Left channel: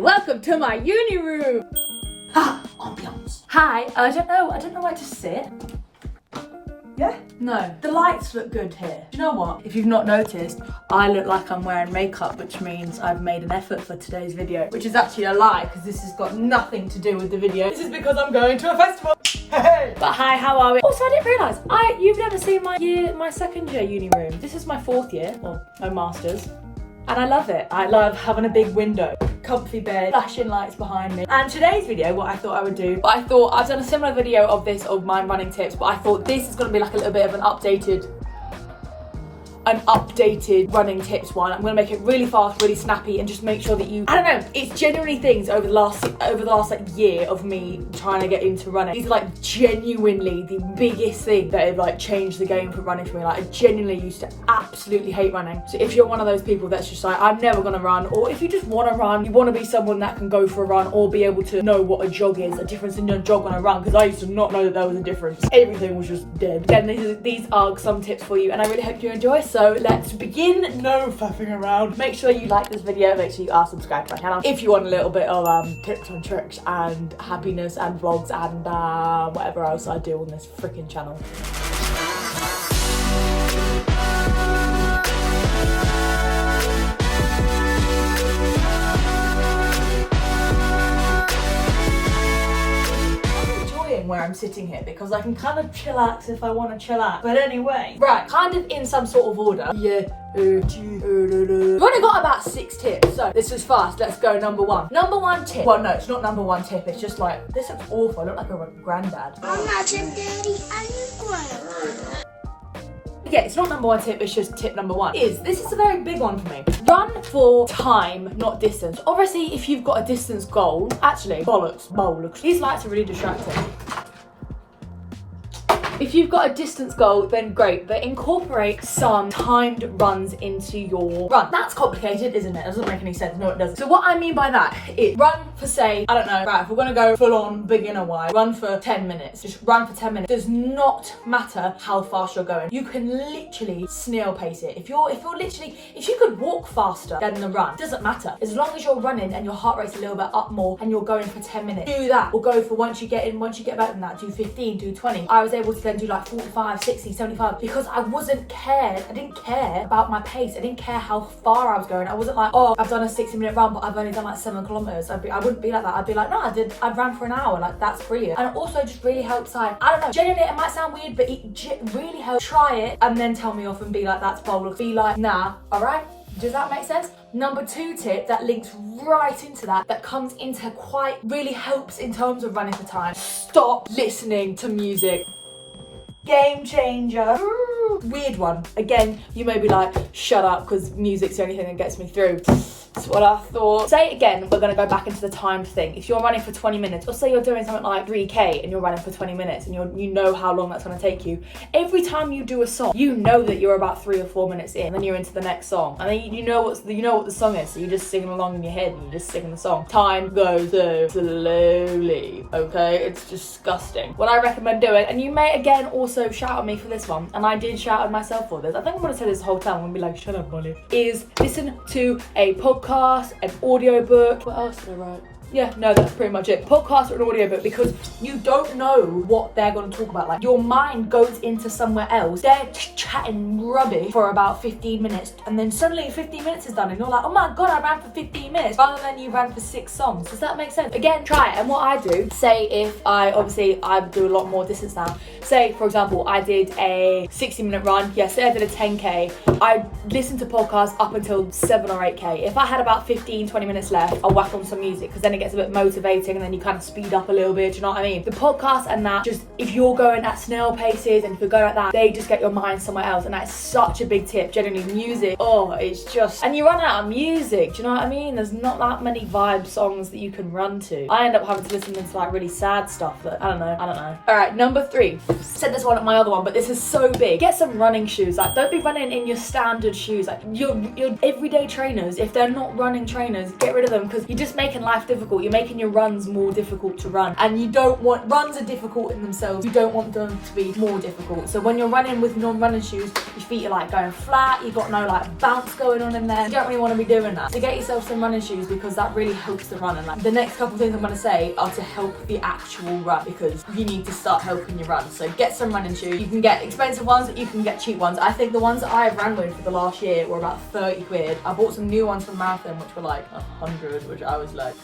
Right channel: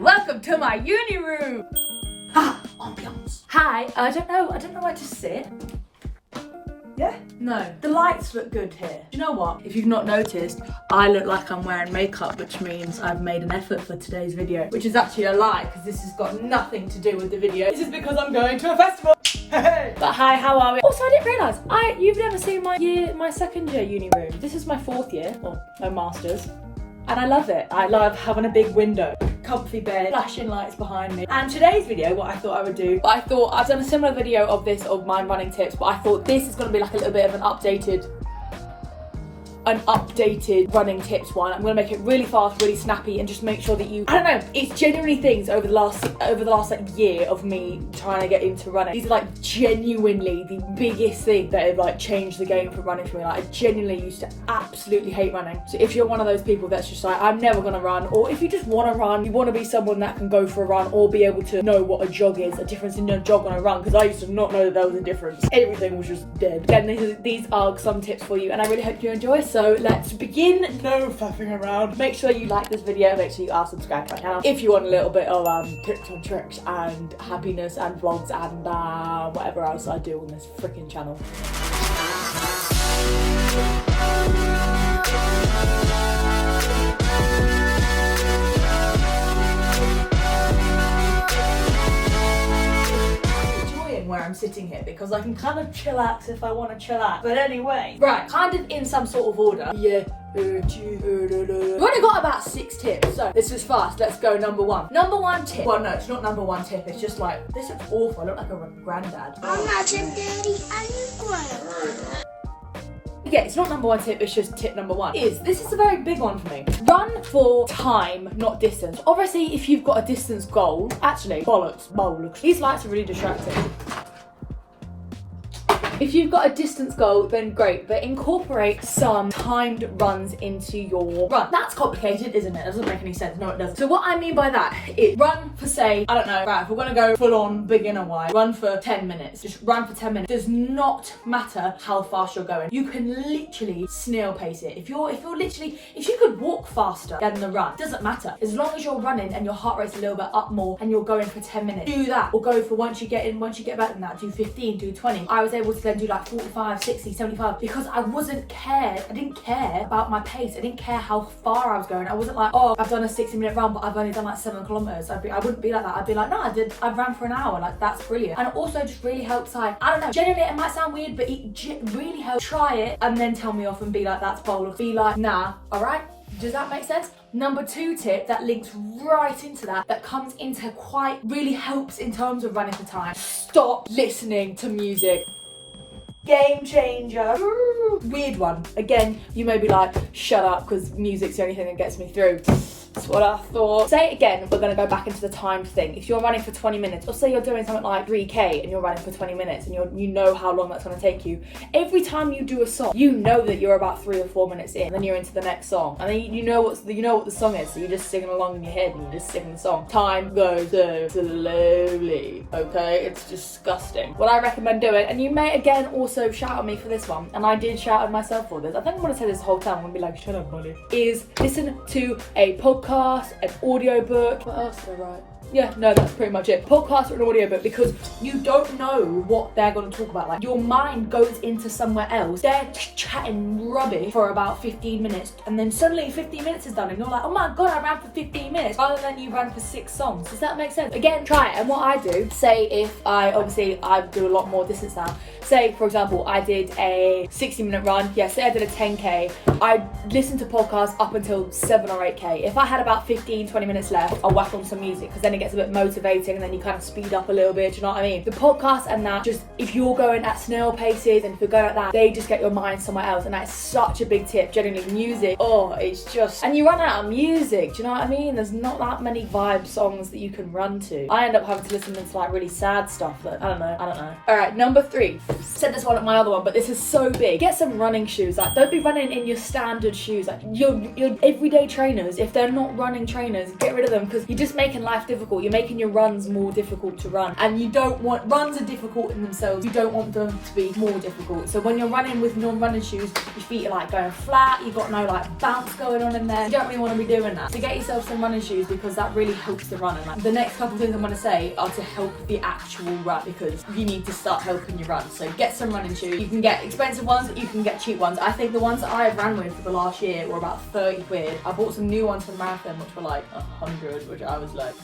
welcome to my uni room. Ambiance. Hi, I don't know where to sit. Yeah? No, the lights look good here. Do you know what? If you've not noticed, I look like I'm wearing makeup, which means I've made an effort for today's video, which is actually a lie because this has got nothing to do with the video. This is because I'm going to a festival. But hi, how are we? Also, I didn't realise, you've never seen my second year uni room. This is my fourth year, or my master's. And I love it. I love having a big window, comfy bed, flashing lights behind me. And today's video, what I thought I would do, I've done a similar video of this, of my running tips, but I thought this is gonna be like a little bit of an updated running tips one. I'm gonna make it really fast, really snappy, and just make sure that I don't know, it's genuinely things over the last like year of me trying to get into running. These are like genuinely the biggest thing that have like changed the game for running for me. Like I genuinely used to absolutely hate running. So if you're one of those people that's just like, I'm never gonna run, or if you just wanna run, you wanna be someone that can go for a run or be able to know what a jog is, a difference in a jog and a run, because I used to not know that there was a difference. Everything was just dead. Then these are some tips for you, and I really hope you enjoy. So let's begin. No faffing around. Make sure you like this video, make sure you are subscribed to my channel if you want a little bit of tips and tricks and happiness and vlogs and whatever else I do on this freaking channel. Where I'm sitting here because I can kind of chillax if I want to chillax. But anyway, right, kind of in some sort of order. Yeah. We've only got about 6 tips, so this is fast. Let's go. Number one. Number one tip. Well, no, it's not number one tip. It's just like, this looks awful. I look like a granddad. I'm not your daddy, I'm your granddad. Yeah, it's not number one tip, it's just tip number one. This is a very big one for me. Run for time, not distance. Obviously, if you've got a distance goal, actually, bollocks. These lights are really distracting. If you've got a distance goal, then great, but incorporate some timed runs into your run. That's complicated, isn't it? It doesn't make any sense. No, it doesn't. So what I mean by that is run for, say, I don't know, right, if we're gonna go full on beginner wise, run for 10 minutes. Just run for 10 minutes. Does not matter how fast you're going. You can literally snail pace it. If you could walk faster than the run, doesn't matter. As long as you're running and your heart rate's a little bit up more and you're going for 10 minutes, do that. Or go for once you get better than that, do 15, do 20. I was able to then do like 45, 60, 75 because I didn't care about my pace. I didn't care how far I was going. I wasn't like, oh, I've done a 60-minute run but I've only done like 7 kilometers. I wouldn't be like that. I'd be like, no, I ran for an hour. Like, that's brilliant. And it also just really helps, like, I don't know, genuinely it might sound weird, but it really helps. Try it and then tell me off and be like, that's bold. Be like, nah, all right? Does that make sense? Number 2 tip that links right into that comes into really helps in terms of running for time. Stop listening to music. Game changer. Weird one. Again, you may be like, shut up, because music's the only thing that gets me through. That's what I thought. Say it again, we're gonna go back into the time thing. If you're running for 20 minutes, or say you're doing something like 3K and you're running for 20 minutes and you know how long that's gonna take you, every time you do a song, you know that you're about 3 or 4 minutes in, and then you're into the next song. And then you know what the song is, so you're just singing along in your head and you're just singing the song. Time goes so slowly, okay? It's disgusting. What I recommend doing, and you may again also shout at me for this one, and I did shout at myself for this. I think I'm gonna say this the whole time. I'm gonna be like, shut up, Molly. Is listen to a podcast, an audiobook. What else did I write? Yeah, no, that's pretty much it. Podcast or an audiobook, because you don't know what they're going to talk about. Like, your mind goes into somewhere else. They're chatting rubbish for about 15 minutes, and then suddenly 15 minutes is done, and you're like, oh my god, I ran for 15 minutes, rather than you ran for 6 songs. Does that make sense? Again, try it. And what I do, say if I do a lot more distance now. Say, for example, I did a 60-minute run. Yeah, say I did a 10K. I listened to podcasts up until 7 or 8K. If I had about 15, 20 minutes left, I'll whack on some music, because then it gets a bit motivating and then you kind of speed up a little bit. Do you know what I mean? The podcast and that, just if you're going at snail paces and if you're going like that, they just get your mind somewhere else, and that's such a big tip. Generally, music, it's just, and you run out of music. Do you know what I mean? There's not that many vibe songs that you can run to. I end up having to listen to like really sad stuff that I don't know. All right, number 3. Said this one at my other one, but this is so big. Get some running shoes. Like, don't be running in your standard shoes. Like, your everyday trainers, if they're not not running trainers, get rid of them, because you're just making life difficult. You're making your runs more difficult to run, and you don't want, runs are difficult in themselves, you don't want them to be more difficult. So when you're running with non-running shoes, your feet are like going flat, you've got no like bounce going on in there. You don't really want to be doing that. So get yourself some running shoes, because that really helps the run. And like the next couple of things I'm going to say are to help the actual run, because you need to start helping your run. So get some running shoes. You can get expensive ones, you can get cheap ones. I think the ones that I have ran with for the last year were about 30 quid. I bought some new ones from Marathon which were like 100, which I was like,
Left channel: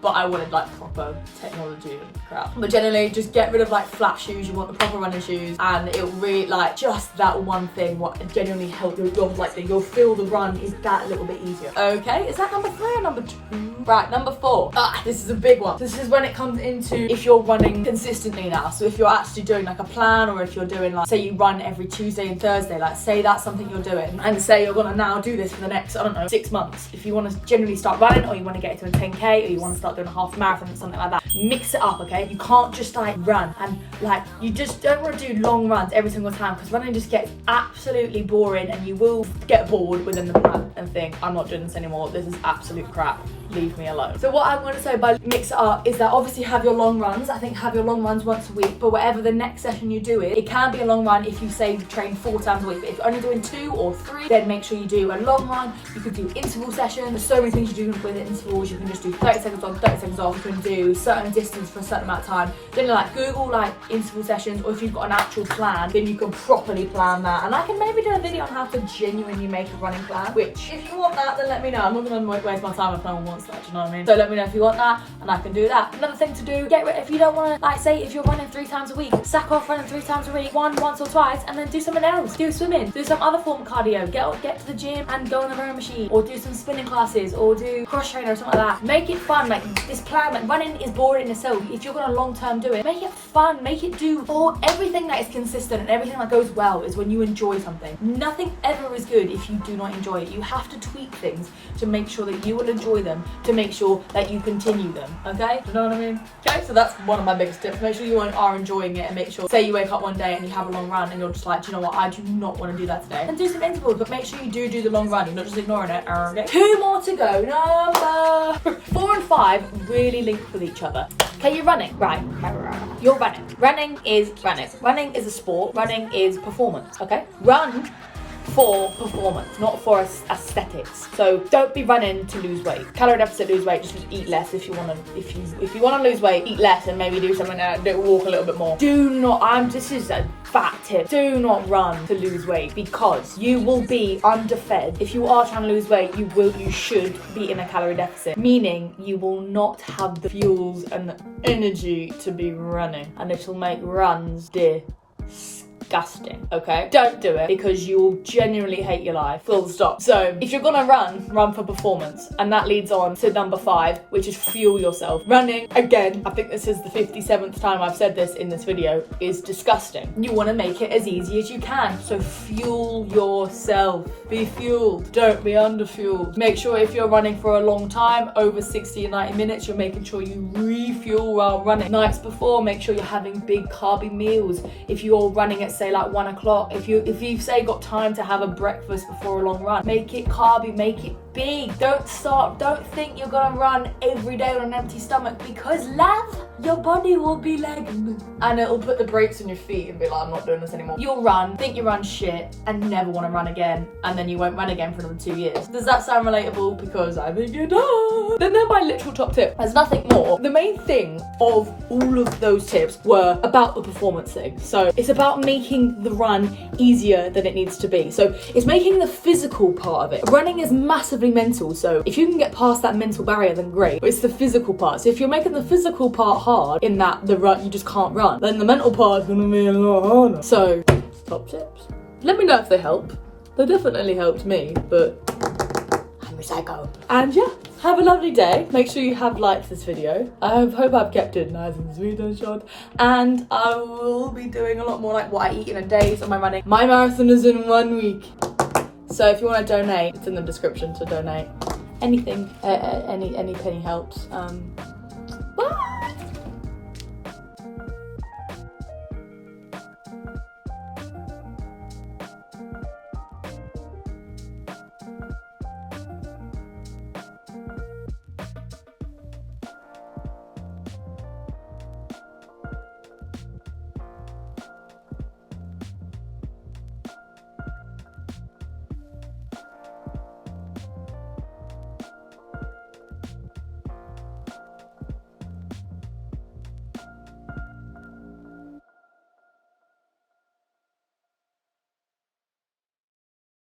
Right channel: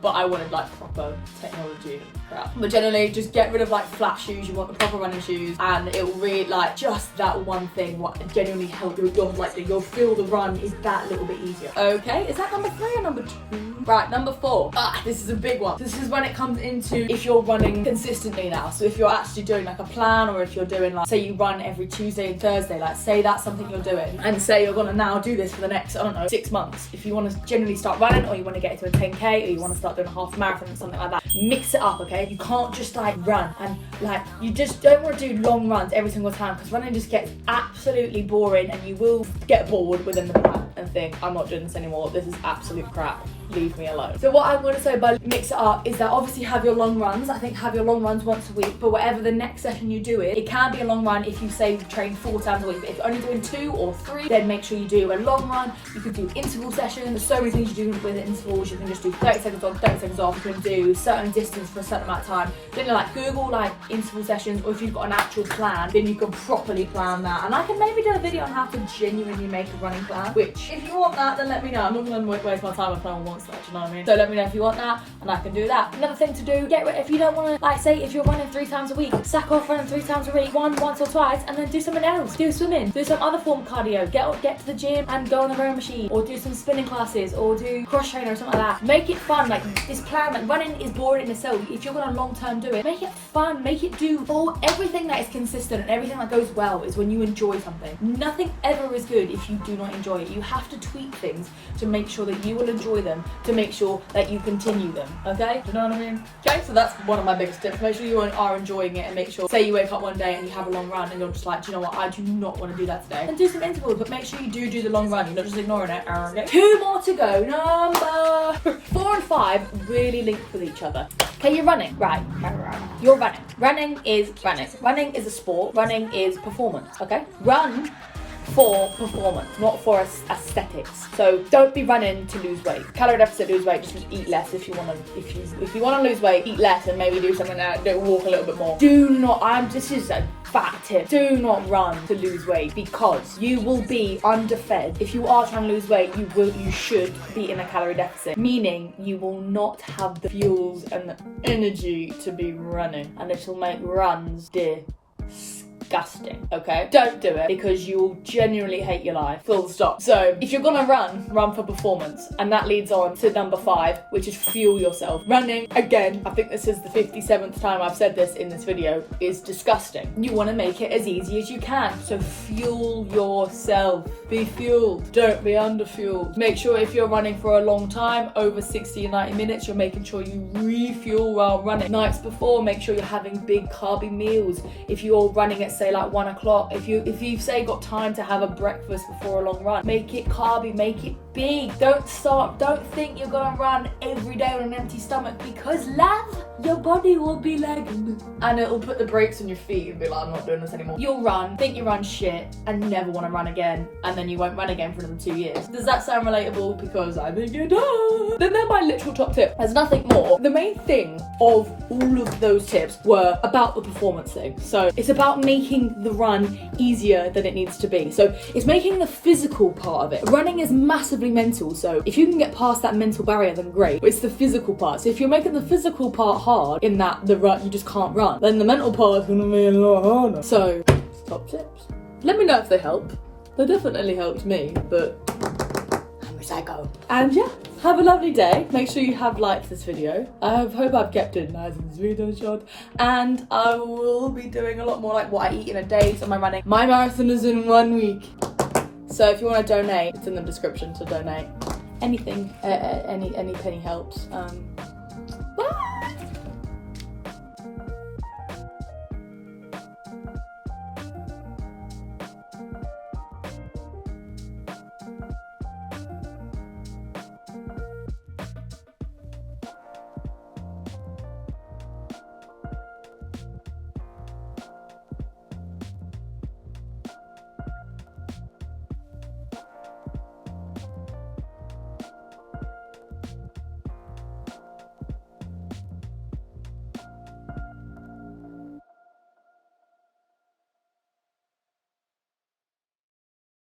but I wanted like proper technology and crap. But generally, just get rid of like flat shoes. You want the proper running shoes, and it will really, like, just that one thing what genuinely help you'll feel the run is that little bit easier. Okay, is that number 3 or number 2? Right, number 4. This is a big one. This is when it comes into if you're running consistently now. So if you're actually doing like a plan, or if you're doing like, say you run every Tuesday and Thursday, like say that's something you're doing, and say you're gonna now do this for the next, I don't know, 6 months. If you want to generally start running, or you want to get to a 10k, or you want to start doing a half marathon or something like that, mix it up, okay? You can't just like run, and like you just don't want to do long runs every single time, because running just gets absolutely boring, and you will get bored within the plan and think, I'm not doing this anymore, this is absolute crap, leave me alone. So what I'm going to say by mix it up is that obviously have your long runs. I think have your long runs once a week, but whatever the next session you do it can be a long run if you say train 4 times a week. But if you're only doing 2 or 3, then make sure you do a long run. You could do interval sessions. There's so many things you do with intervals. You can just do 30 seconds on, 30 seconds off. You can do certain distance for a certain amount of time. Then like Google like interval sessions, or if you've got an actual plan, then you can properly plan that. And I can maybe do a video on how to genuinely make a running plan, which if you want that, then let me know. I'm not going to waste my time if no one wants that, do you know what I mean? So let me know if you want that, and I can do that. Another thing to do, if you don't want to, like say if you're running 3 times a week, sack off running 3 times a week, once or twice, and then do something else. Do swimming, do some other form of cardio, get to the gym and go on the rowing machine, or do some spinning classes, or do cross trainer or something like that. Make it fun. Like this plan, like running is boring in itself. If you're gonna long term do it, make it fun, make it do all everything that is consistent, and everything that goes well is when you enjoy something. Nothing ever is good if you do not enjoy it. You have to tweak things to make sure that you will enjoy them, to make sure that you continue them, okay? Do you know what I mean? Okay, so that's one of my biggest tips. Make sure you are enjoying it, and make sure, say you wake up one day and you have a long run and you're just like, do you know what, I do not want to do that today. And do some intervals, but make sure you do the long run. You're not just ignoring it. Okay? 2 more to go. Number 4 and 5 really link with each other. Okay, you're running, right? You're running. Running is running. Running is a sport. Running is performance, okay? Run for performance, not for aesthetics. So don't be running to lose weight. Calorie deficit, lose weight, just eat less if you want to. If you want to lose weight, eat less and maybe do something that walk a little bit more. Do not. This is a fat tip. Do not run to lose weight, because you will be underfed. If you are trying to lose weight, you should be in a calorie deficit, meaning you will not have the fuels and the energy to be running, and it will make runs disgusting, okay? Don't do it, because you will genuinely hate your life, full stop. So if you're gonna run for performance, and that leads on to number 5, which is fuel yourself. Running, again, I think this is the 57th time I've said this in this video, is disgusting. You want to make it as easy as you can, so fuel yourself. Be fueled, don't be underfueled. Make sure if you're running for a long time, over 60 or 90 minutes, you're making sure you refuel while running. Nights before, make sure you're having big carby meals. If you're running at say like 1 o'clock, if you've say got time to have a breakfast before a long run, make it carby, make it big. Don't think you're gonna run every day on an empty stomach, because love, your body will be like, and it'll put the brakes on your feet and be like, I'm not doing this anymore. You'll run, think you run shit, and never want to run again, and then you won't run again for another 2 years. Does that sound relatable? Because I think it does. Then they're my literal top tip. There's nothing more. The main thing of all of those tips were about the performance thing. So it's about making the run easier than it needs to be. So it's making the physical part of it. Running is massively mental, so if you can get past that mental barrier, then great. But it's the physical part. So if you're making the physical part hard, in that the run you just can't run, then the mental part is gonna be a lot harder. So top tips. Let me know if they help. They definitely helped me, but I'm a psycho. And yeah, have a lovely day. Make sure you have liked this video. I hope I've kept it nice and sweet and short. And I will be doing a lot more like what I eat in a day. So my marathon is in 1 week. So if you want to donate, it's in the description to donate. Anything, any penny helps.